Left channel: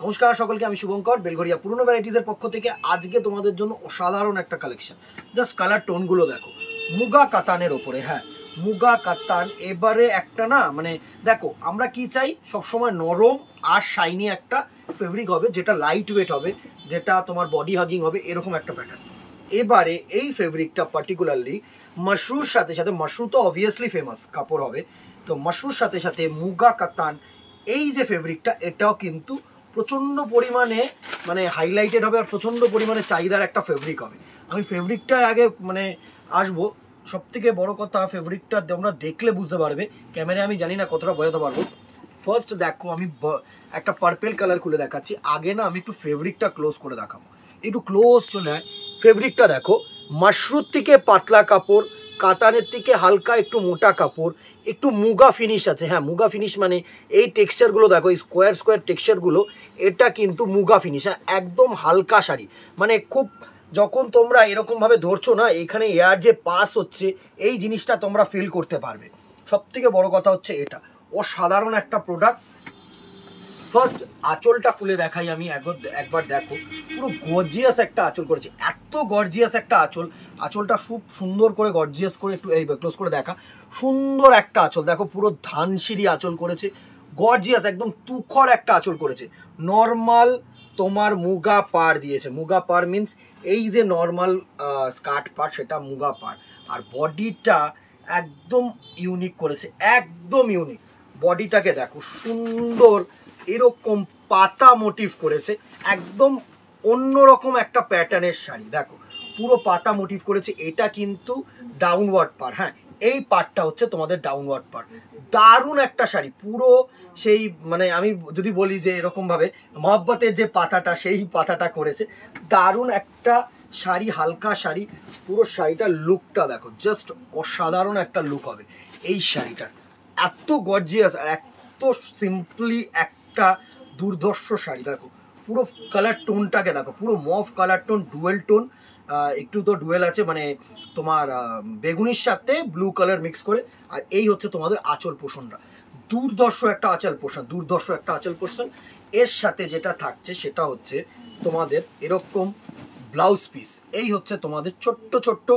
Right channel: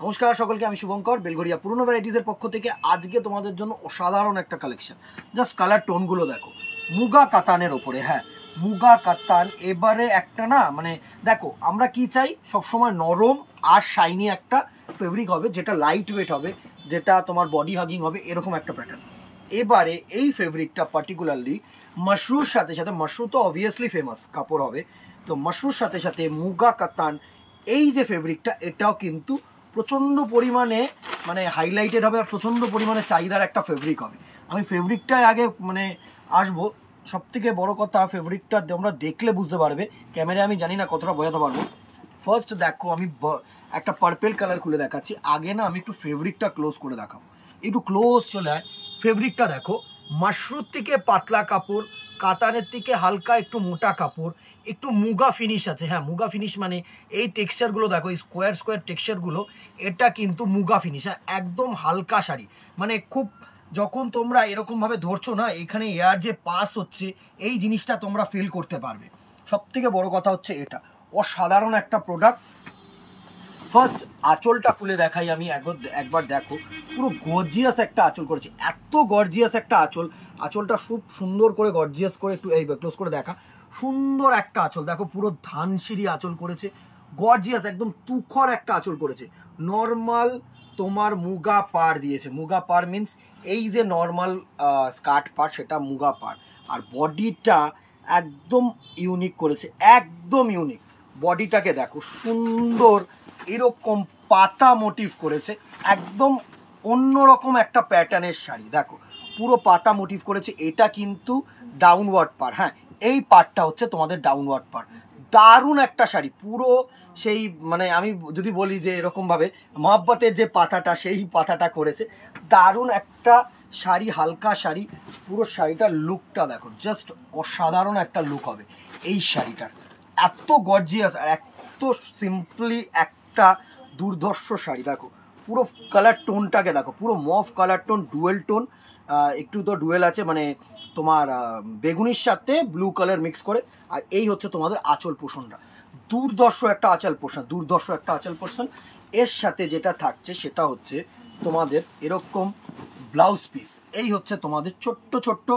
নমস্কার সকলকে, আমি শুভঙ্কর বেলঘরিয়া পুরনো ভ্যারাইটিজের পক্ষ থেকে আজকে তোমাদের জন্য অসাধারণ একটা কালেকশন। জাস্ট কালার টোনগুলো দেখো, মুগা কাতানের ওপরে। হ্যাঁ, মুগা কাতান। এবারে একটা না মানে দেখো, আমরা কি চাই সবসময় নরম আর শাইনি একটা ফেব্রিক হবে, যেটা লাইট ওয়েট হবে, যেটা তোমার বডি হাগিং হবে, এরকম একটা প্যাটার্ন। এবারে এই ফেব্রিকটা পার্টিকুলারলি মাশরুর সাথে সাথে, মাশরু তো অবভিয়াসলি ফেমাস কাপড় হবে, তো মাশরুর সাথে সাথে মুগা কাতান এই যে ফেব্রিকটা, এটাও কিন্তু প্রচণ্ড পরিমাণে মানে হাইলাইটেড হবে আর প্রচণ্ড পরিমাণে চাহিদার একটা ফেব্রিক হবে। আমি ফেব্রিকটায় আগে মানে আসবো। সব থেকে বড় কথা, ফেব্রিকটা তোমরা দেখলে বুঝতে পারবে, ক্যামেরায় আমি জানি না কতটা বোঝাতে পারবো। ফার্স্ট দেখো, আমি একটা পার্পেল কালার খুলে দেখাচ্ছি। আগে না আমি একটু ফেব্রিকটা ক্লোজ করে দেখাবো, একটু ক্লোজ চলে হয়। ফেব্রিকটা দেখো, মাশরুর থেকে পাতলা কাপড়, কাতানের থেকে হালকা একটু মোটা কাপড়, একটু মুগা ফিনিশ আছে। হ্যাঁ, মুগা ফিনিশ মানে এই টেক্সচারগুলো দেখো, এই স্কোয়ার স্কোয়ার টেক্সচারগুলো, এটা কিন্তু মুগা ফিনিশ। হ্যাঁ, একদম হালকা শাড়ি, মানে খুব যখন তোমরা এরকমভাবে ধরছো না, এখানে এয়ার যে পাস হচ্ছে এই জিনিসটা তোমরা ফিল করতে পারবে। সব থেকে বড় কথা হচ্ছে এটা অসাধারণ একটা প্রোডাক্ট। ফার্স্ট আঁচলটা খুলে দেখাই আমি একবার দেখো, পুরো গর্জিয়াস একটা আঁচল করেছে, এত গর্জিয়াস একটা আঁচল। আঁচলটা খুব সুন্দর করে গর্জিয়াস করে একটু এই ক্লোজ করে দেখা, সুন্দর একটা আঁচল দেখো, পুরো ধানসিঁড়ি আঁচল করেছে, গর্জিয়াস একদম তুখর একটা আঁচল করেছে। নর্মাল তোমার মুগা পাড় দিয়েছে, মুগা পাড় মিন্স এই যে নর্মাল স্কার্ট পাড়, সেটা মুগা পাড়। আর বডিটা একদম ইউনিক করেছে, একদম ইউনিক। বডিটাকে দেখো, সুন্দর এরকম পাতা মোটিভ করেছে, একদম অন্যরকম একটা প্যাটার্নের শাড়ি। দেখো পুরো পাতা মোটিভ করেছে, এটা কিন্তু ডাউনওয়ার্ড পার। হ্যাঁ, এই পার্টটা হচ্ছে তোমাদের ডাউনওয়ার্ড পার। দারুণ একটা শাড়ি, পুরো সেই মানে আমি যদি বলি যে এরকম ভাবে মহব্বতের যে পাতাটা, সেই পাতাটা করেছে। দারুণ একটা শাড়ি, হালকা শাড়ি। পুরো শাড়িটার লুকটা দেখো, জাস্ট অসাধারণ একটা লুক হবে এই শাড়িটার। এত গর্জিয়াস আর এত সিম্পলি একটা দুর্ধর্ষ শাড়ি। দেখো পুরো কালার টোনটাকে দেখো, পুরো mauve colour tone, dual tone, একটু তো ডুয়েল আছে মানে তোমার বেগুনির সাথে ব্লু কালার মিক্স করে। আর এই হচ্ছে তোমাদের আঁচল পোষণটা, দুর্ধর্ষ একটা আঁচল পোষণ, দুর্ধর্ষ একটা আঁচল পোষণ। এর সাথে যেটা থাকছে সেটা হচ্ছে তোমাদের এরকম ব্লাউজ পিস। এই হচ্ছে তোমাদের ছোট্ট ছোট্ট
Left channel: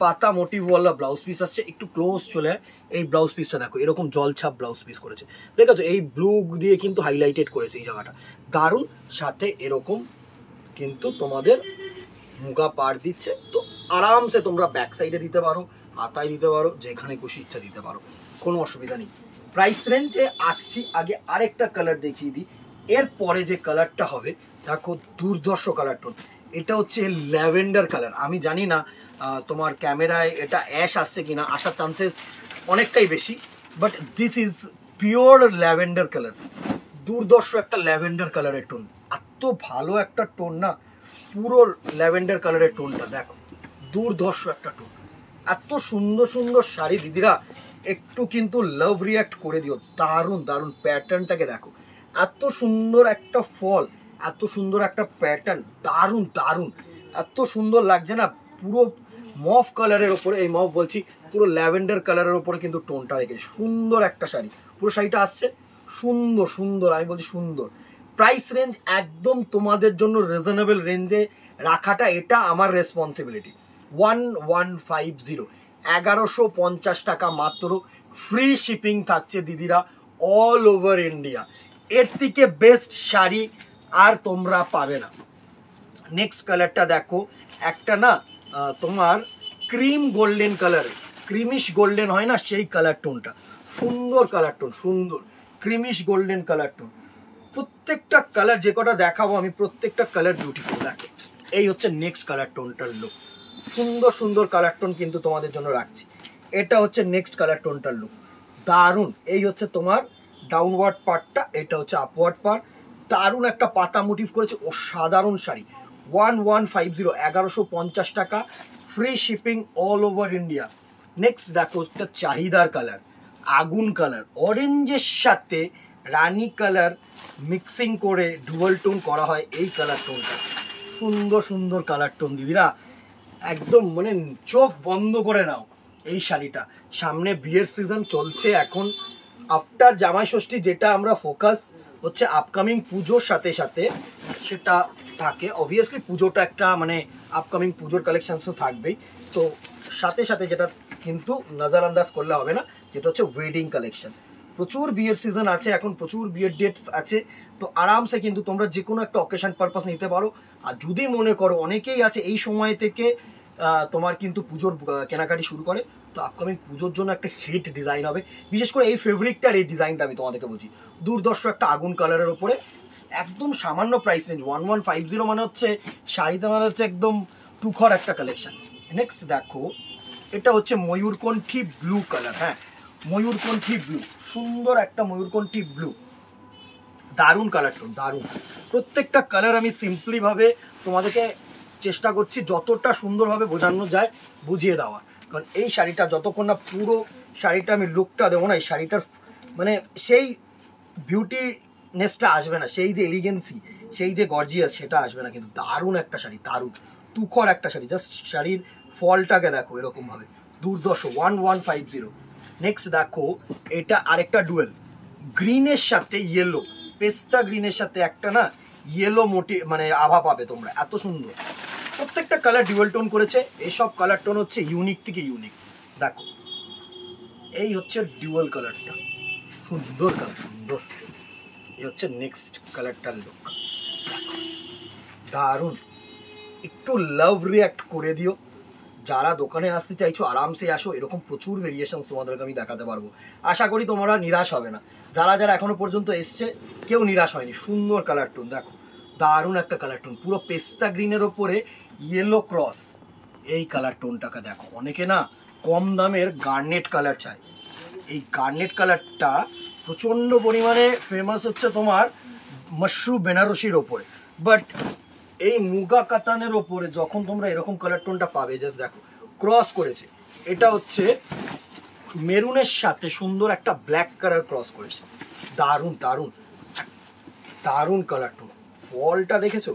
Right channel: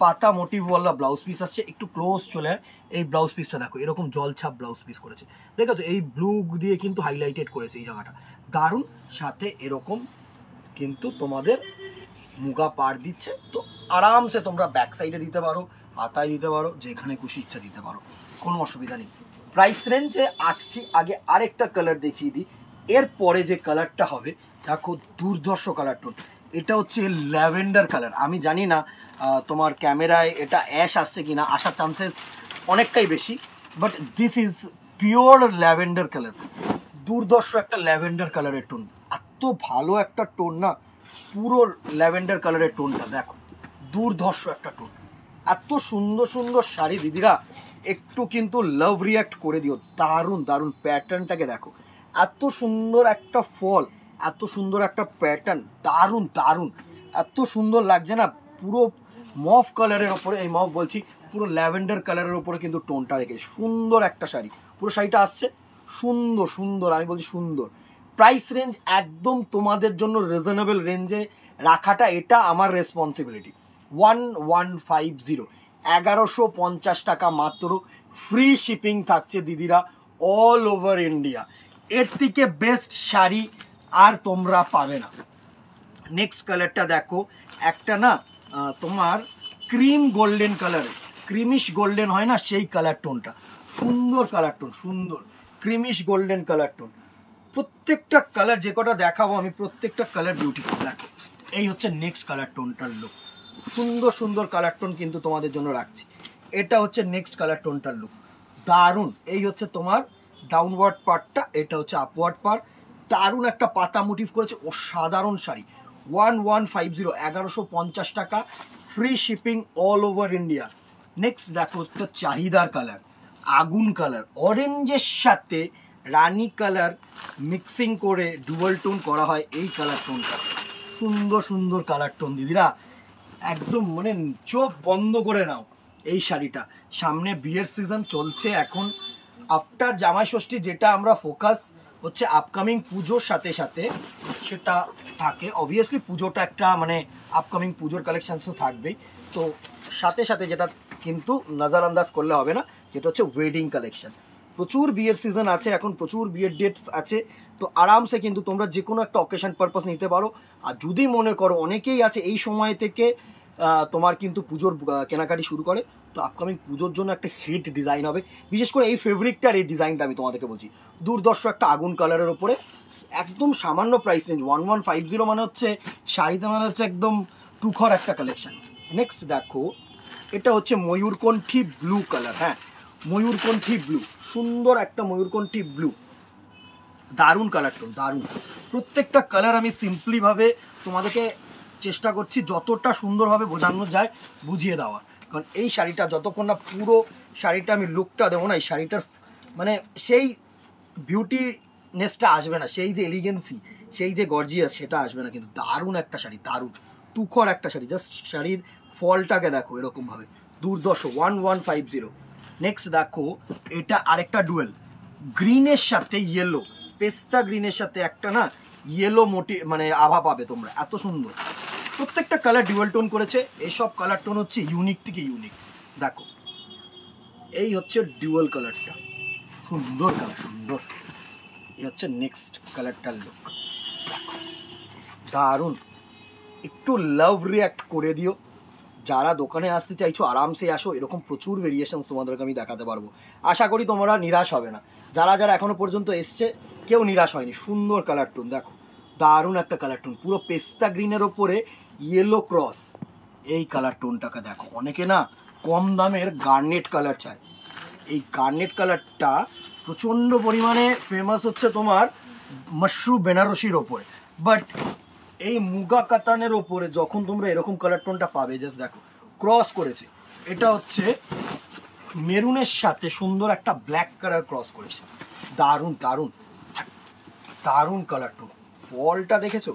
পাতা মোটিভওয়ালা ব্লাউজ পিস আসছে। একটু ক্লোজ চলে হয়, এই ব্লাউজ পিসটা দেখো, এরকম জলছাপ ব্লাউজ পিস করেছে, দেখেছো? এই ব্লু দিয়ে কিন্তু হাইলাইটেড করেছে এই জায়গাটা, দারুণ। সাথে এরকম কিন্তু তোমাদের মুগা পাড় দিচ্ছে, তো আরামসে তোমরা ব্যাক সাইডে দিতে পারো, হাতায় দিতে পারো, যেখানে খুশি ইচ্ছা দিতে পারো, কোনো অসুবিধা নেই। প্রাইস রেঞ্জে আসছি, আগে আরেকটা কালার দেখিয়ে দিই। এরপরে যে কালারটা হবে দেখো, দুর্ধর্ষ কালার টোন। এটা হচ্ছে ল্যাভেন্ডার কালার। আমি জানি না তোমার ক্যামেরায় এটা অ্যাশ আসছে কিনা, আসার চান্সেস অনেকটাই বেশি, but this is pure lavender colour. দুর্ধর্ষ একটা ল্যাভেন্ডার কালারের টোন, এত ভালো একটা টোন না, পুরো ল্যাভেন্ডার কালারের টোনটা দেখো, দুর্ধর্ষ একটা টোন। এত সুন্দর সুন্দর শাড়ি দিদিরা, একটু কিন্তু লাভ রিয়াক্ট করে দিও। দারুণ দারুণ প্যাটার্নটাকে দেখো, এত সুন্দর একটা ফল, এত সুন্দর একটা প্যাটার্ন, দারুণ দারুণ, এত সুন্দর লাগছে না। পুরো মফ কালারের ওপরে, এই মফ বলছি, পুরো ল্যাভেন্ডার কালারের ওপরে কিন্তু টোনটা রেখে সুন্দর একটা শাড়ি। পুরো শাড়িটা আসছে সুন্দর সুন্দর, আমি বলছি সুন্দর। প্রাইস রেঞ্জ একদম তোমাদের জন্য রিজনেবল রেঞ্জে রাখাটা, এটা আমার রেসপন্সিবিলিটি। 1150, 1150 টাকা মাত্র। ফ্রি শিপিং থাকছে দিদিরা, অল ওভার ইন্ডিয়া। এর থেকে বেস্ট শাড়ি আর তোমরা পাবে না। নেক্সট কালারটা দেখো, একটা না তোমার cream golden colour, creamish golden হয় না, সেই কালার টোনটা, সুন্দর কালার টোন, সুন্দর ক্রিমিশ গোল্ডেন কালার টোন। প্রত্যেকটা কালার যে কটা দেখাবো আমি, প্রত্যেকটা কালার বিউটিফুল। দেখো এই হচ্ছে নেক্সট কালার টোনটার লুক, সুন্দর সুন্দর কালার টোন কিন্তু তোমাদের জন্য রাখছি। এটা হচ্ছে নেক্সট কালার টোনটার লুক, দারুণ। এই হচ্ছে তোমার ডাউনওয়ার্ড পার্টটা, এটা হচ্ছে আপওয়ার্ড পার্ট। দারুণ একটা পাতা মোটিভ করেছে, অসাধারণ শাড়ি। 1150, 1150 টাকা, free shipping all over India. Next দেখো, একটা চাহিদার কালার, আগুন কালার, অরেঞ্জের সাথে রানী কালার মিক্সিং করে ডুয়াল টোন করা হয় এই কালার টোনটা। সুন্দর সুন্দর কালার টোন দিদিরা, একদম মানে চোখ বন্ধ করে নাও এই শাড়িটা। সামনে বিয়ের সিজন চলছে এখন, আফটার জামাই ষষ্ঠী, যেটা আমরা ফোকাস হচ্ছে আপকামিং পুজোর সাথে সাথে সেটা থাকে। অবভিয়াসলি পুজোটা একটা মানে আপকামিং পুজোর কালেকশন তো থাকবেই, তো সাথে সাথে যেটা কিন্তু নজরআন্দাজ করলে হবে না, যেটা হচ্ছে ওয়েডিং কালেকশন। প্রচুর বিয়ের সিজন আছে এখন, প্রচুর বিয়ের ডেটস আছে, তো আরামসে কিন্তু তোমরা যে কোনো একটা অকেশন পারপাস নিতে পারো। আর যদি মনে করো, অনেকেই আছে এই সময় থেকে তোমার কিন্তু পুজোর কেনাকাটি শুরু করে, তো আপকামিং পুজোর জন্য একটা হিট ডিজাইন হবে। বিশেষ করে এই ফেব্রিকটার এই ডিজাইনটা আমি তোমাদেরকে বলছি, দুর্দর্শ একটা আগুন কালারের উপরে, একদম সামান্য প্রাইস রেঞ্জ 1150, মানে হচ্ছে শাড়িতে মানে হচ্ছে একদম টুখর একটা কালেকশন। নেক্সট দেখো, এটা হচ্ছে ময়ূরকণ্ঠী ব্লু কালার। হ্যাঁ, ময়ূরকণ্ঠী ব্লু, সুন্দর একটা ময়ূরকণ্ঠী ব্লু, দারুণ কালারটা, দারুণ। প্রত্যেকটা কালার আমি সিম্পলিভাবে তোমাদেরকে চেষ্টা করছি যতটা সুন্দরভাবে বোঝানো যায় বুঝিয়ে দেওয়া, কারণ এই শাড়িটা যতক্ষণ না পুরো শাড়িটা আমি লুকটা দেবো না, এই শাড়িটার মানে সেই বিউটিনেসটা আসবে না, সেই যে এলিগেন্সি, সেই যে গর্জিয়াস, সেটা আসবে না। কিন্তু দারুণ একটা শাড়ি, দারুণ তুখর একটা শাড়ি, জাস্ট শাড়ির ফলটাকে দেখো এরকমভাবে, দুর্দর্শ 1150। নেক্সট দেখো, এটা আরেকটা ডুয়েল, গ্রিনের সাথে ইয়েলো, পেস্তা গ্রিনের সাথে একটা না ইয়েলো মোটি মানে আভা পাবে তোমরা, এত সুন্দর। প্রত্যেকটা কালার ডুয়েল টোন করেছে, এইসব কালার টোন হচ্ছে ইউনিক থেকে ইউনিক। দেখো এই হচ্ছে ডুয়েল কালারটা, সুন্দর কালার, সুন্দর। এই হচ্ছে নেক্সট কালারটার লুক, দারুণ। একটু লাভ রিয়াক্ট করে দিও, যারা দোকানে আসতে চাইছো আরামসে আসো, এরকম প্রচুর ভেরিয়েশন তোমাদেরকে আমি দেখাতে পারবো। আশা করি তোমরা নিরাশ হবে না, যারা যারা এখনো পর্যন্ত এসছে কেউ নিরাশ হয়নি। সুন্দর কালার টোন দেখো, দারুণ একটা কালার টোন, পুরো পেস্তা গ্রিনের ওপরে ইয়েলো ক্রস, এই কালার টোনটাকে দেখো। অনেকে না কম দামের গার্নেট কালার চায়, এই গার্নেট কালারটা প্রচণ্ড পরিমাণে ফেমাস হচ্ছে তোমার মাশরু বেনারসির ওপরে, বাট এই মুগা কাতানের ওপরে যখন তোমরা এরকম কালার টোনটা পাবে, জাস্ট দেখো ক্রস করেছে, এটা হচ্ছে মেরুনের সাথে সুন্দর একটা ব্ল্যাক কালার ক্রস করেছে, দারুণ দারুণ দারুণ কালার টোন। ফলটা দেখেছো,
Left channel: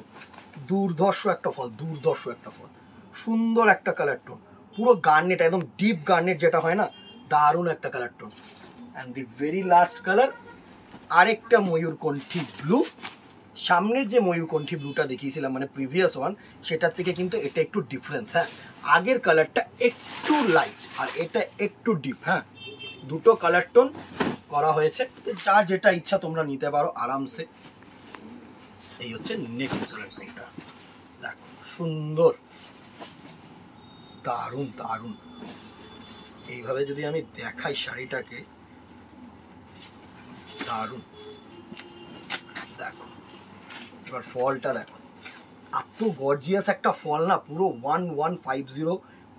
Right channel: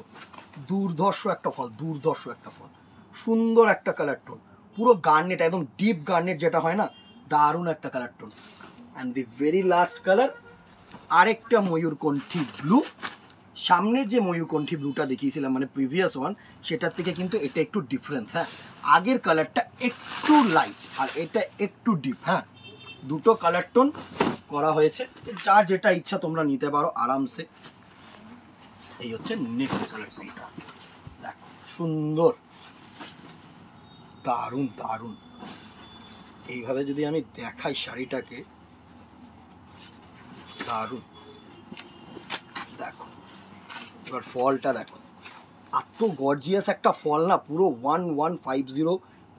দুর্ধর্ষ একটা ফল, দুর্ধর্ষ একটা ফল, সুন্দর একটা কালার টোন, পুরো গার্নেট, একদম ডিপ গার্নেট যেটা হয় না, দারুণ একটা colour tone. And the very last colour, আরেকটা ময়ূরকণ্ঠী ব্লু। সামনের যে ময়ূরকণ্ঠী ব্লুটা দেখিয়েছিলাম মানে প্রিভিয়াস ওয়ান, সেটার থেকে কিন্তু এটা একটু ডিফারেন্স। হ্যাঁ, আগের কালারটা একটু লাইট আর এটা একটু ডিপ। হ্যাঁ, দুটো কালার টোন করা হয়েছে, যার যেটা ইচ্ছা তোমরা নিতে পারো আরামসে। এই হচ্ছে নেক্সট কালার টোনটা, দেখো সুন্দর, দারুণ দারুণ। এইভাবে যদি আমি দেখাই শাড়িটাকে, দারুণ। দেখো এবার ফলটা দেখো, এত গর্জিয়াস একটা ফল না, পুরো 1150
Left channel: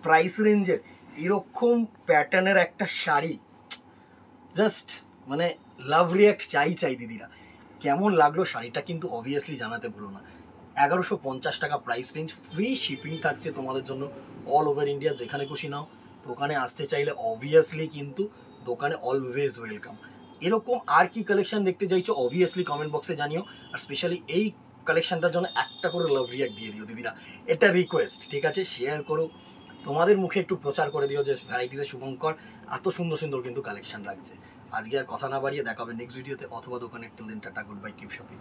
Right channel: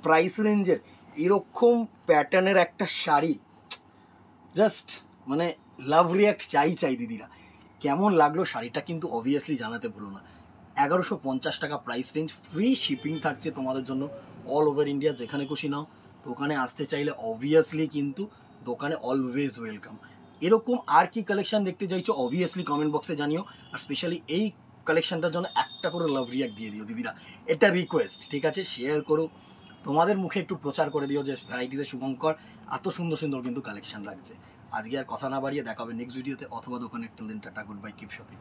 প্রাইস রেঞ্জের এরকম প্যাটার্নের একটা শাড়ি, জাস্ট মানে লাভ রিয়াক্ট চাই চাই দিদিরা। কেমন লাগলো শাড়িটা কিন্তু অবভিয়াসলি জানাতে ভুলো না। 1150 টাকা প্রাইস রেঞ্জ, ফ্রি শিপিং থাকছে তোমাদের জন্য অল ওভার ইন্ডিয়া, যেখানে খুশি নাও। দোকানে আসতে চাইলে অবভিয়াসলি কিন্তু দোকানে অলওয়েজ ওয়েলকাম। এরকম আর কি কালেকশন দেখতে চাইছো অবভিয়াসলি কমেন্ট বক্সে জানিও, আর স্পেশালি এই কালেকশনটার জন্য একটা করে লাভ রিয়াক্ট দিয়ে দিও দিদিরা, এটা রিকোয়েস্ট, ঠিক আছে? শেয়ার করো, তোমাদের মুখে একটু প্রচার করে দিও যে ভ্যারাইটিসে শুভঙ্কর এত সুন্দর সুন্দর কিন্তু কালেকশন রাখছে। আজকে আর কথা না বাড়িয়ে দেখা হবে নেক্সট ভিডিওতে অথবা দোকানে। Till then tata, good bye, keep shopping.